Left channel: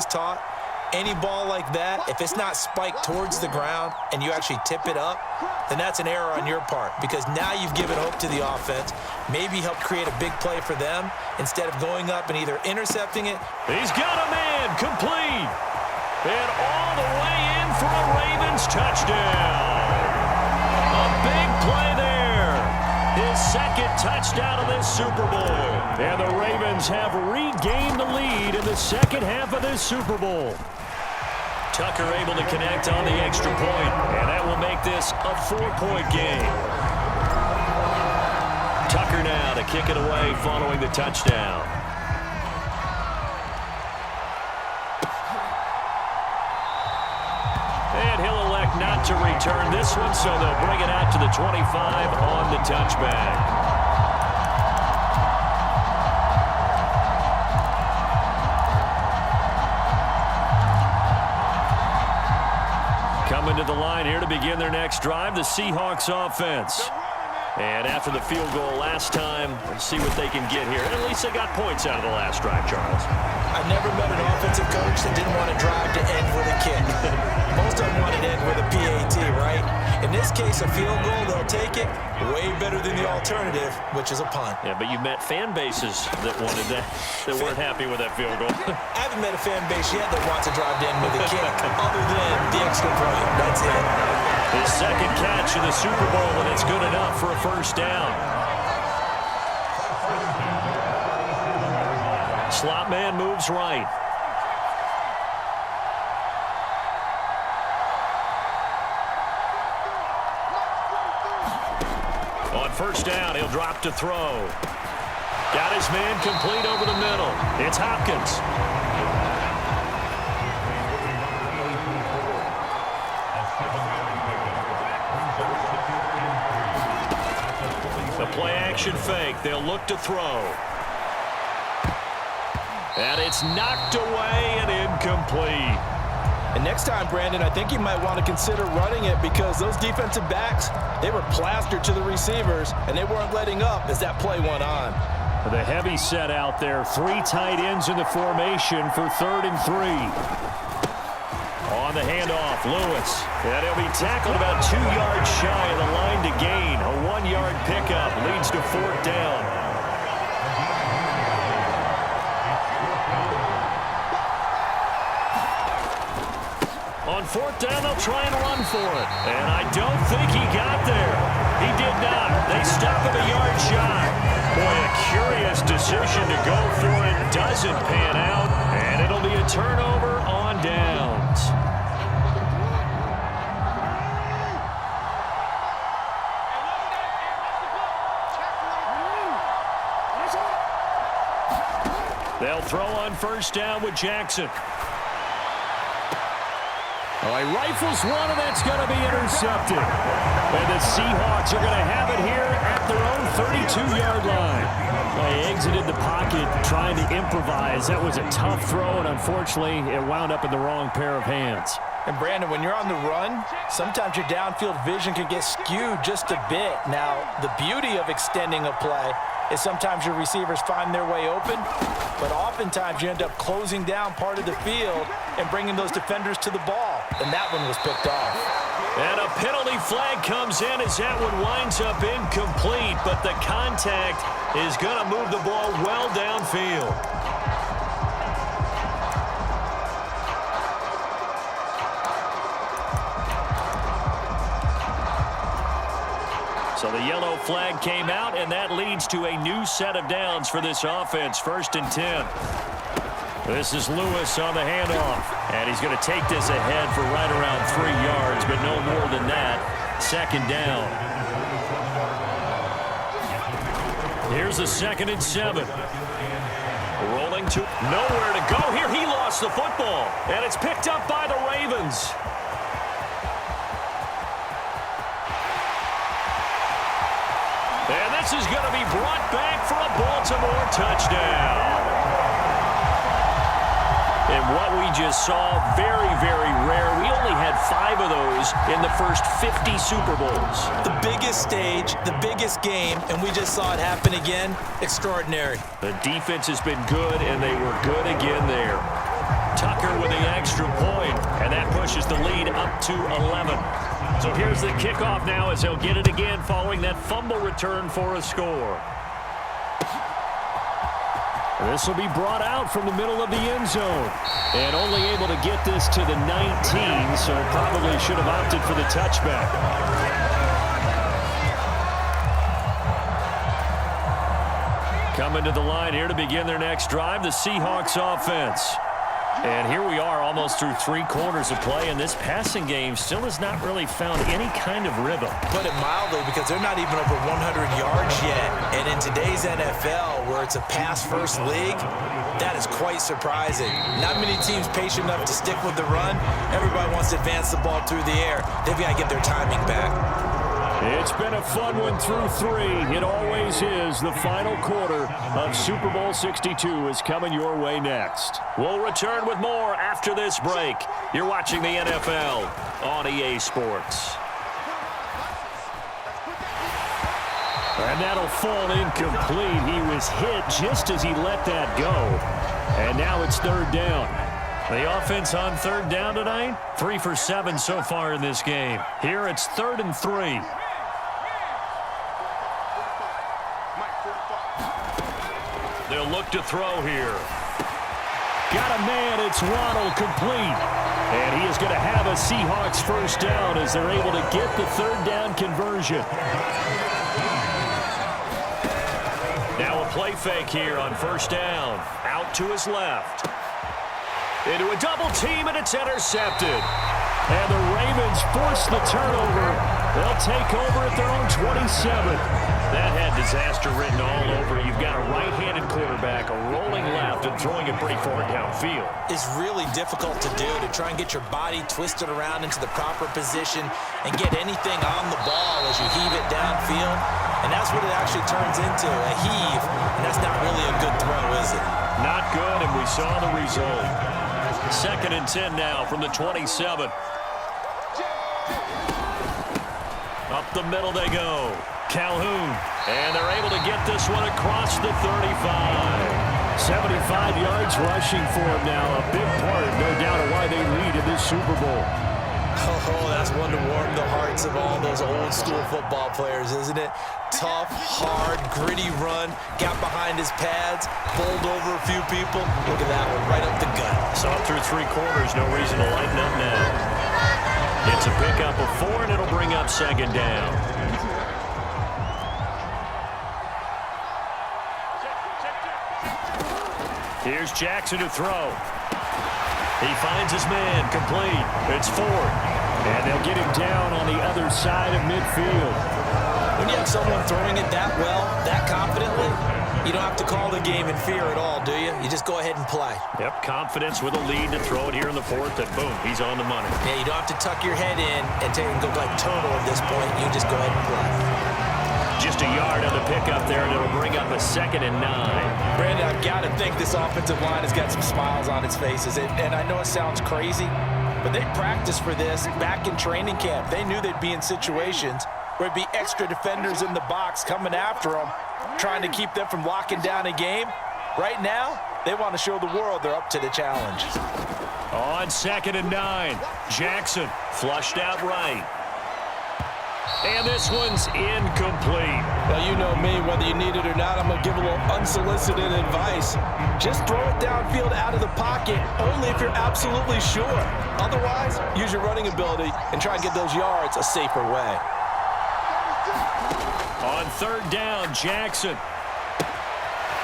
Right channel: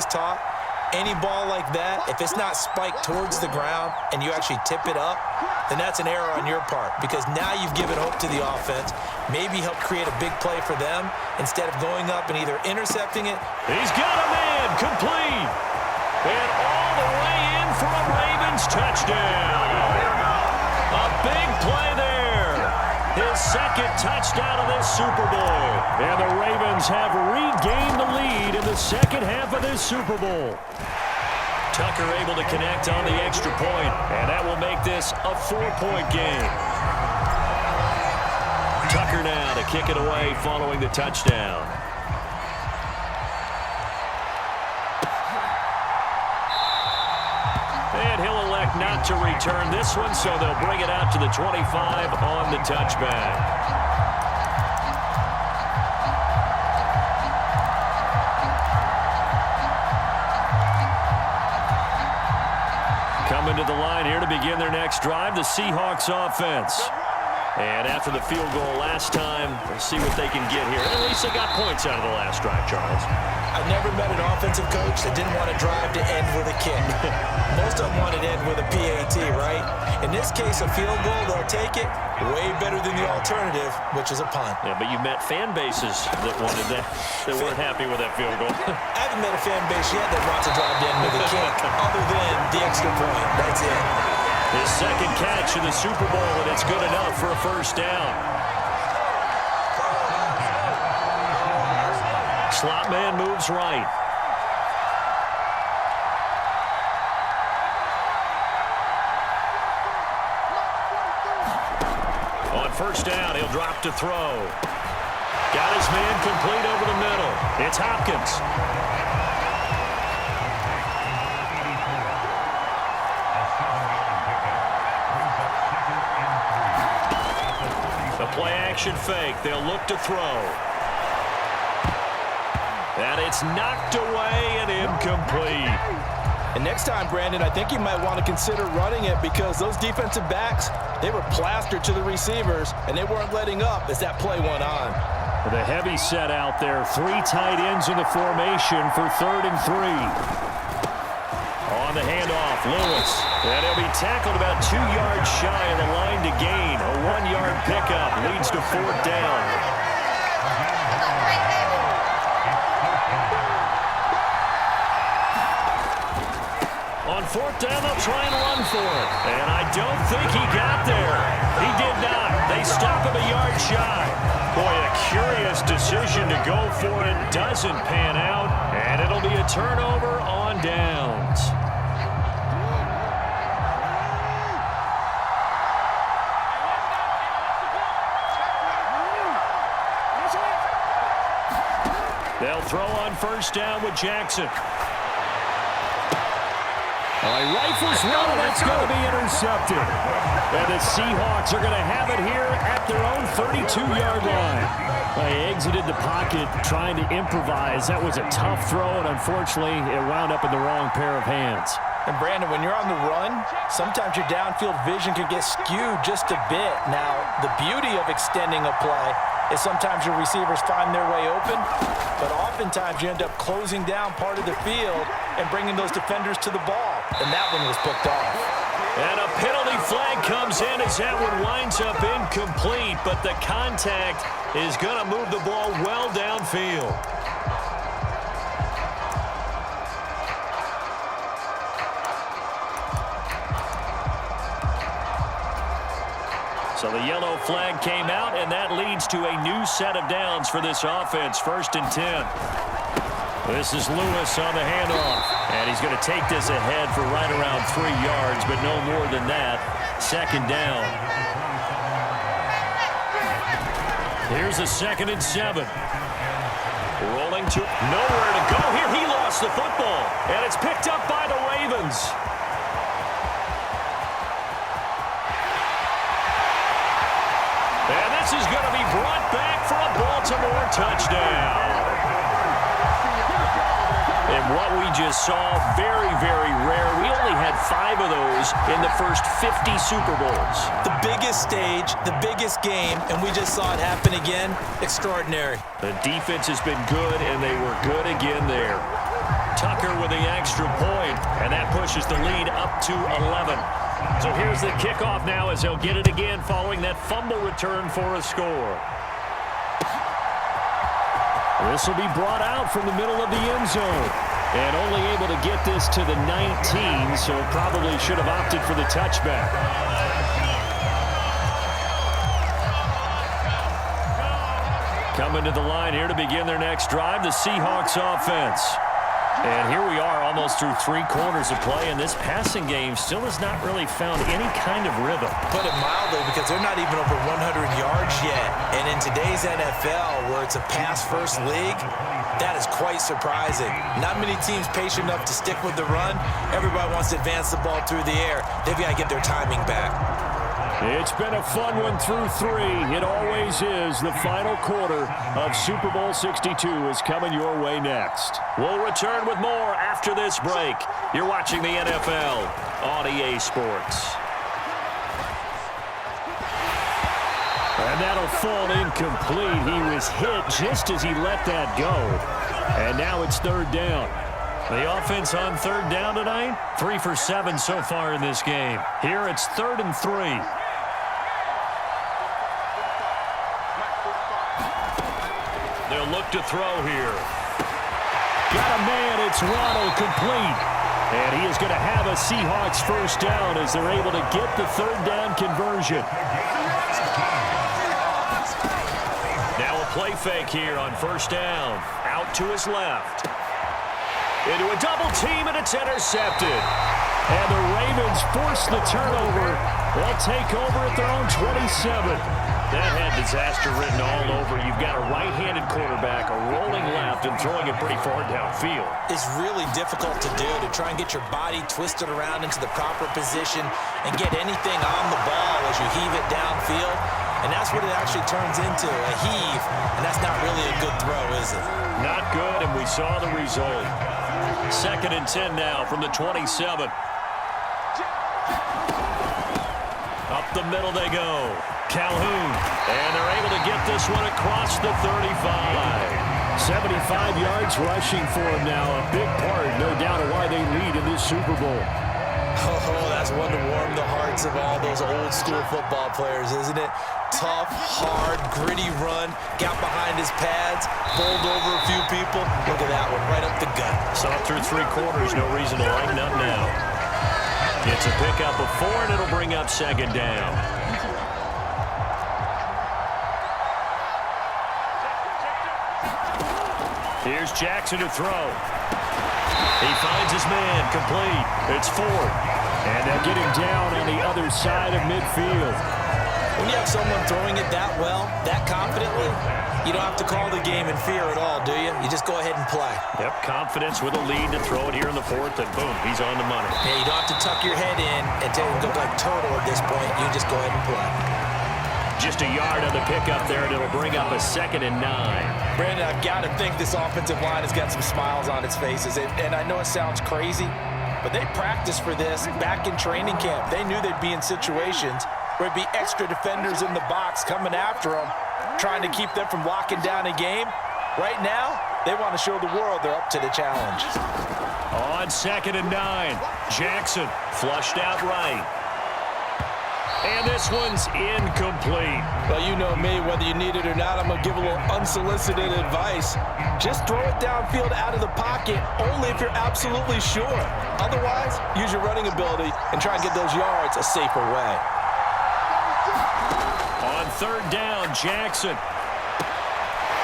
always taught, any ball like that, if it's not spiked towards the ground and you actually tip it up, then that's an error on your part because now you've given hope to the offense, maybe help create a big play for them instead of going up and either intercepting it. He's got a man complete. And all the way in for a Ravens touchdown. A big play there. His second touchdown of this Super Bowl. And the Ravens have regained the lead in the second half of this Super Bowl. Tucker able to connect on the extra point, and that will make this a 4-point game. Tucker now to kick it away following the touchdown. And he'll elect not to return this one, so they'll bring it out to the 25 on the touchback. Coming to the line here to begin their next drive, the Seahawks offense. And after the field goal last time, we'll see what they can get here. And at least they got points out of the last drive, Charles. I never met an offensive coach that didn't want to drive to end with a kick. Most of them wanted to end with a PAT, right? In this case, a field goal, they'll take it. Way better than the alternative, which is a punt. Yeah, but you met fan bases that wanted that, that weren't happy with that field goal. I haven't met a fan base yet that wants to drive to end with a kick, other than the extra point. That's it. His second catch in the Super Bowl, and it's good enough for a first down. Slot man moves right. On first down, he'll drop to throw. Got his man complete over the middle. It's Hopkins. The play-action fake. They'll look to throw. And it's knocked away and incomplete. And next time, Brandon, I think you might want to consider running it because those defensive backs, they were plastered to the receivers, and they weren't letting up as that play went on. The heavy set out there. 3 tight ends in the formation for 3rd and 3. On the handoff, Lewis. And he'll be tackled about 2 yards shy of the line to gain. A 1-yard pickup leads to 4th down. On 4th down, they'll try and run for it. And I don't think he got there. He did not. They stop him a yard shy. Boy, a curious decision to go for it. Doesn't pan out. And it'll be a turnover on downs. They'll throw on first down with Jackson. Well, he rifles one, and that's going to be intercepted. And the Seahawks are going to have it here at their own 32-yard line. They exited the pocket trying to improvise. That was a tough throw, and unfortunately, it wound up in the wrong pair of hands. And, Brandon, when you're on the run, sometimes your downfield vision can get skewed just a bit. Now, the beauty of extending a play is sometimes your receivers find their way open, but oftentimes you end up closing down part of the field and bringing those defenders to the ball, and that one was picked off. And a penalty flag comes in as that one winds up incomplete, but the contact is going to move the ball well downfield. So the yellow flag came out, and that leads to a new set of downs for this offense. 1st and 10. This is Lewis on the handoff. And he's going to take this ahead for right around 3 yards, but no more than that. 2nd down. Here's a 2nd and 7. Rolling to nowhere to go here. He lost the football, and it's picked up by the Ravens. And this is going to be brought back for a Baltimore touchdown. And what we just saw, very, very rare. We only had 5 of those in the first 50 Super Bowls. The biggest stage, the biggest game, and we just saw it happen again. Extraordinary. The defense has been good, and they were good again there. Tucker with the extra point, and that pushes the lead up to 11. So here's the kickoff now as he'll get it again following that fumble return for a score. This will be brought out from the middle of the end zone. And only able to get this to the 19, so probably should have opted for the touchback. Coming to the line here to begin their next drive, the Seahawks offense. And here we are almost through 3 quarters of play, and this passing game still has not really found any kind of rhythm. Put it mildly, because they're not even over 100 yards yet. And in today's NFL, where it's a pass-first league, that is quite surprising. Not many teams patient enough to stick with the run. Everybody wants to advance the ball through the air. They've got to get their timing back. It's been a fun one through 3. It always is. The final quarter of Super Bowl 62 is coming your way next. We'll return with more after this break. You're watching the NFL on EA Sports. And that'll fall incomplete. He was hit just as he let that go. And now it's 3rd down. The offense on 3rd down tonight, 3 for 7 so far in this game. Here it's 3rd and 3. They'll look to throw here. Got a man, it's Waddle, complete. And he is going to have a Seahawks 1st down as they're able to get the 3rd down conversion. Now a play fake here on 1st down. Out to his left. Into a double team, and it's intercepted. And the Ravens force the turnover. They'll take over at their own 27. That had disaster written all over. You've got a right-handed quarterback, a rolling left, and throwing it pretty far downfield. It's really difficult to do, to try and get your body twisted around into the proper position and get anything on the ball as you heave it downfield. And that's what it actually turns into, a heave. And that's not really a good throw, is it? Not good, and we saw the result. 2nd and 10 now from the 27. Up the middle they go. Calhoun, and they're able to get this one across the 35. 75 yards rushing for him now. A big part, no doubt, of why they lead in this Super Bowl. Oh, that's one to warm the hearts of all those old-school football players, isn't it? Tough, hard, gritty run, got behind his pads, bowled over a few people. Look at that one, right up the gut. Saw it through 3 quarters, no reason to lighten up now. It's a pickup of 4, and it'll bring up 2nd down. Here's Jackson to throw. He finds his man, complete. It's Ford. And they'll get him down on the other side of midfield. When you have someone throwing it that well, that confidently, you don't have to call the game in fear at all, do you? You just go ahead and play. Yep, confidence with a lead to throw it here in the 4th, and boom, he's on the money. Yeah, you don't have to tuck your head in and take and go like turtle at this point. You just go ahead and play. Just a yard on the pickup there, and it'll bring up a 2nd and 9. Brandon, I've got to think this offensive line has got some smiles on its faces. And I know it sounds crazy, but they practiced for this back in training camp. They knew they'd be in situations where it'd be extra defenders in the box coming after them, trying to keep them from locking down a game. Right now, they want to show the world they're up to the challenge. On 2nd and 9, Jackson flushed out right. And this one's incomplete. Well, you know me, whether you need it or not, I'm going to give a little unsolicited advice. Just throw it downfield out of the pocket, only if you're absolutely sure. Otherwise, use your running ability and try and get those yards a safer way. On 3rd down, Jackson.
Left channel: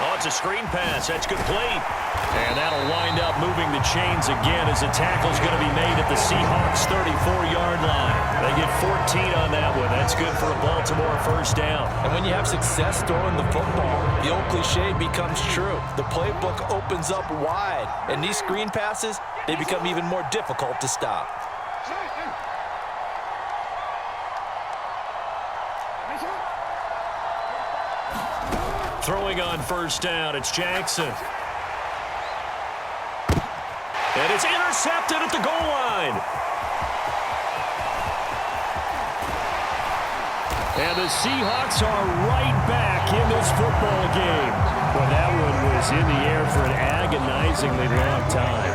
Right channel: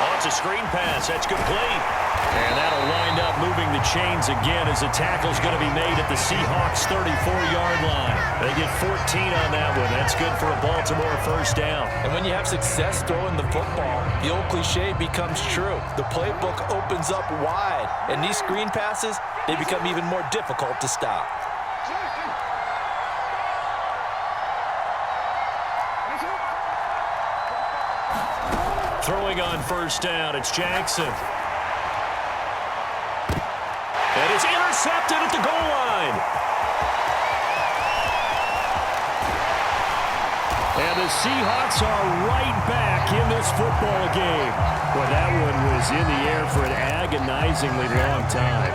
Oh, it's a screen pass. That's complete. And that'll wind up moving the chains again as the tackle's going to be made at the Seahawks' 34-yard line. They get 14 on that one. That's good for a Baltimore 1st down. And when you have success throwing the football, the old cliche becomes true. The playbook opens up wide, and these screen passes, they become even more difficult to stop. Throwing on 1st down, it's Jackson. And it's intercepted at the goal line. And the Seahawks are right back in this football game. Boy, that one was in the air for an agonizingly long time.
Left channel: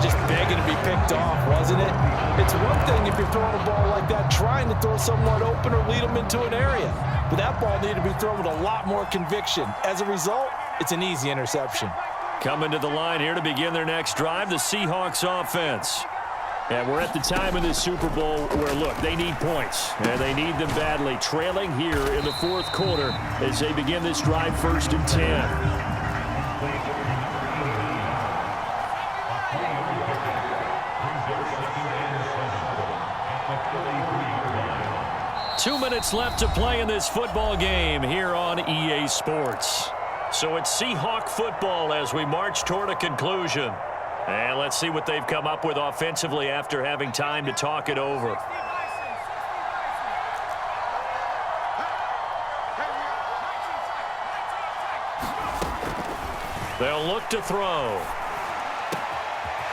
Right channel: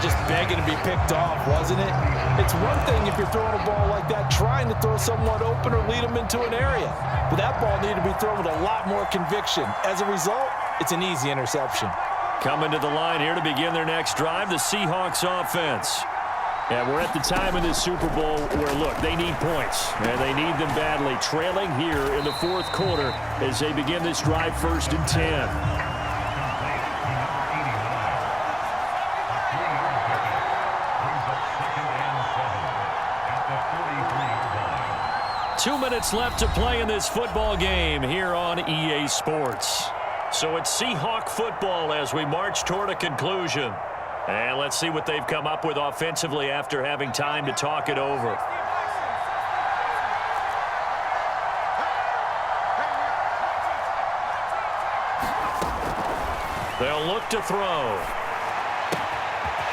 Just begging to be picked off, wasn't it? It's one thing if you're throwing a ball like that, trying to throw someone open or lead them into an area. But that ball needed to be thrown with a lot more conviction. As a result, it's an easy interception. Coming to the line here to begin their next drive, the Seahawks offense. And we're at the time in this Super Bowl where, look, they need points. And they need them badly. Trailing here in the fourth quarter as they begin this drive 1st and 10. Two minutes left to play in this football game here on EA Sports. So it's Seahawk football as we march toward a conclusion. And let's see what they've come up with offensively after having time to talk it over. They'll look to throw.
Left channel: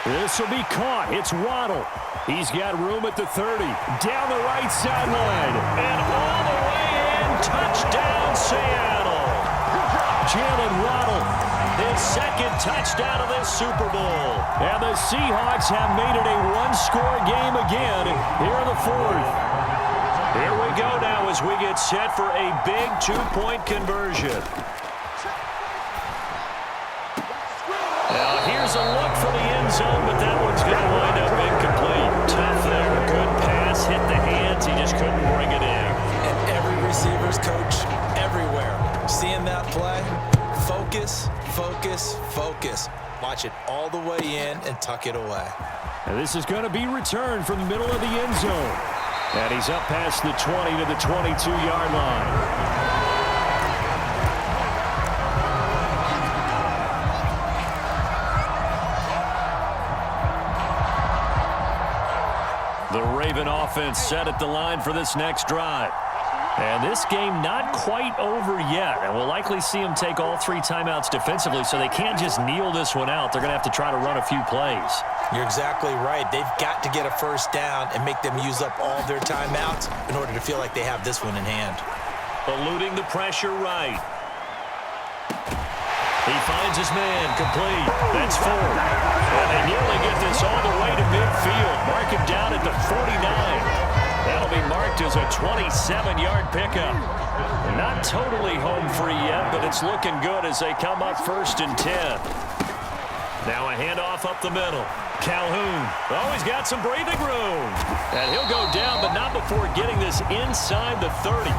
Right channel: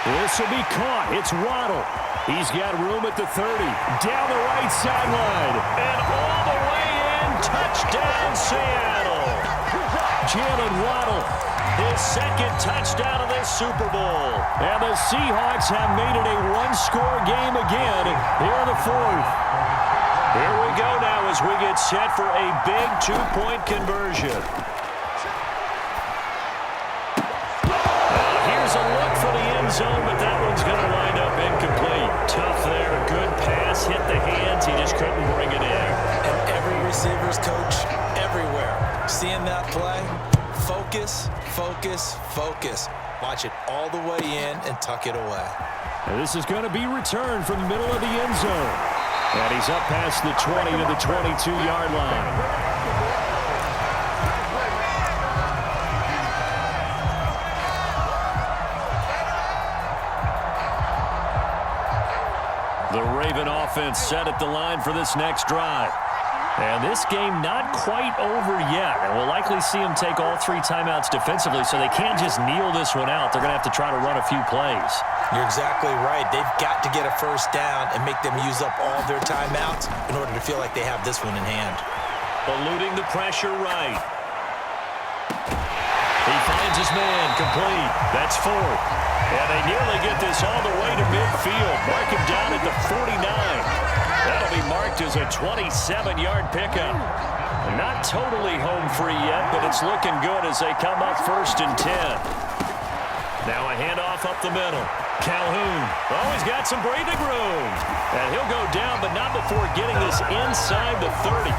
This will be caught. It's Waddle. He's got room at the 30. Down the right sideline. And all the way in. Touchdown, Seattle. Jalen Waddle. His second touchdown of this Super Bowl. And the Seahawks have made it a one-score game again here in the fourth. Here we go now as we get set for a big two-point conversion. Now here's a look for the end zone, but that one's going to wind up incomplete. Tough there. Good pass. Hit the hands. He just couldn't bring it in. And every receiver's coach everywhere. Seeing that play? Focus, focus, focus. Watch it all the way in and tuck it away. And this is going to be returned from the middle of the end zone. And he's up past the 20 to the 22-yard line. The Raven offense set at the line for this next drive. And this game not quite over yet. And we'll likely see them take all 3 timeouts defensively, so they can't just kneel this one out. They're going to have to try to run a few plays. You're exactly right. They've got to get a first down and make them use up all their timeouts in order to feel like they have this one in hand. Eluding the pressure right. He finds his man complete. That's 4. And they nearly get this all the way to midfield. Mark him down at the 49. That'll be marked as a 27-yard pickup. Not totally home free yet, but it's looking good as they come up 1st and 10. Now a handoff up the middle. Calhoun. Oh, he's got some breathing room. And he'll go down, but not before getting this inside the 30.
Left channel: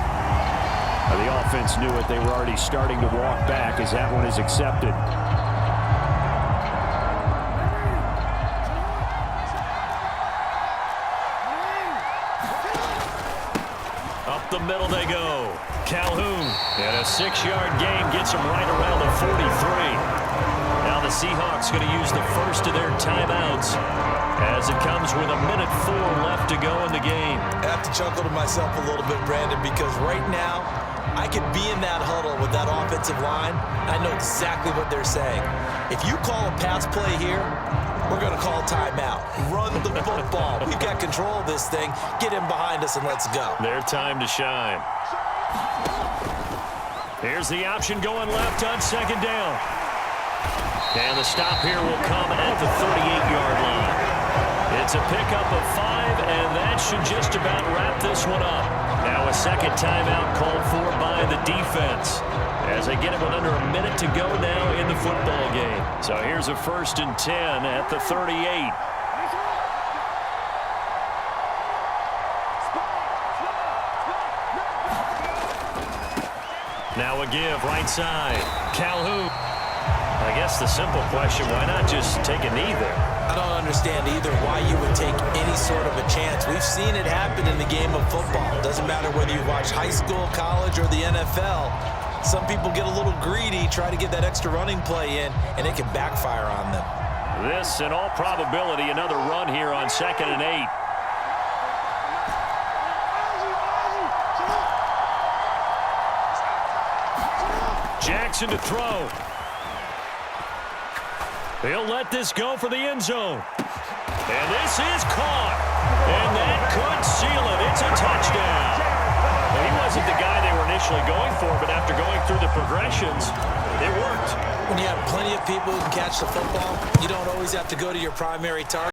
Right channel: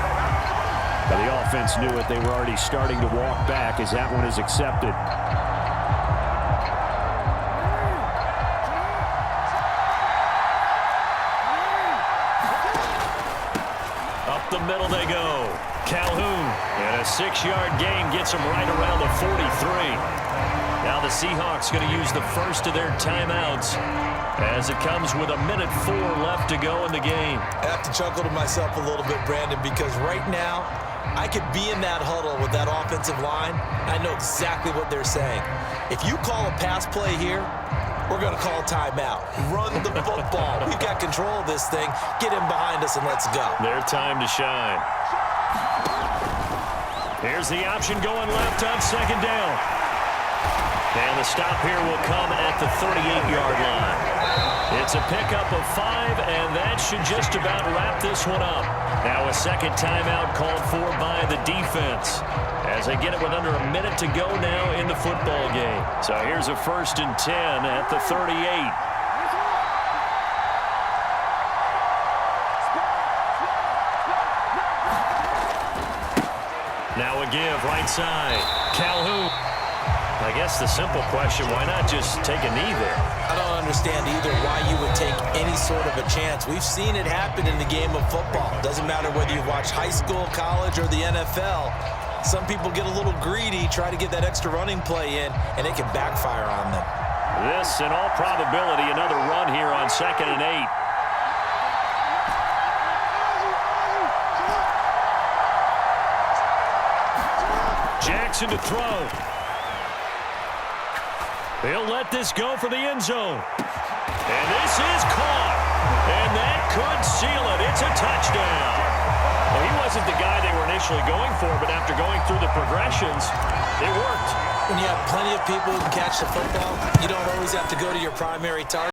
The offense knew it. They were already starting to walk back as that one is accepted. Up the middle they go. Calhoun. And a 6-yard gain gets him right around the 43. Now the Seahawks going to use the first of their timeouts as it comes with 1:04 left to go in the game. I have to chuckle to myself a little bit, Brandon, because right now I could be in that huddle with that offensive line. I know exactly what they're saying. If you call a pass play here, we're going to call a timeout. Run the football. We've got control of this thing. Get him behind us and let's go. Their time to shine. Here's the option going left on 2nd down. And the stop here will come at the 38-yard line. It's a pickup of 5, and that should just about wrap this one up. Now a second timeout called for by the defense as they get it with under a minute to go now in the football game. So here's a 1st and 10 at the 38. Now a give right side. Calhoun. I guess the simple question, why not just take a knee there? I don't understand either why you would take any sort of a chance. We've seen it happen in the game of football. Doesn't matter whether you watch high school, college, or the NFL. Some people get a little greedy, try to get that extra running play in, and it can backfire on them. This, in all probability, another run here on 2nd and 8. Jackson to throw. They'll let this go for the end zone. And this is caught. And that could seal it. It's a touchdown. Well, he wasn't the guy they were initially going for, but after going through the progressions, it worked. When you have plenty of people who can catch the football, you don't always have to go to your primary target.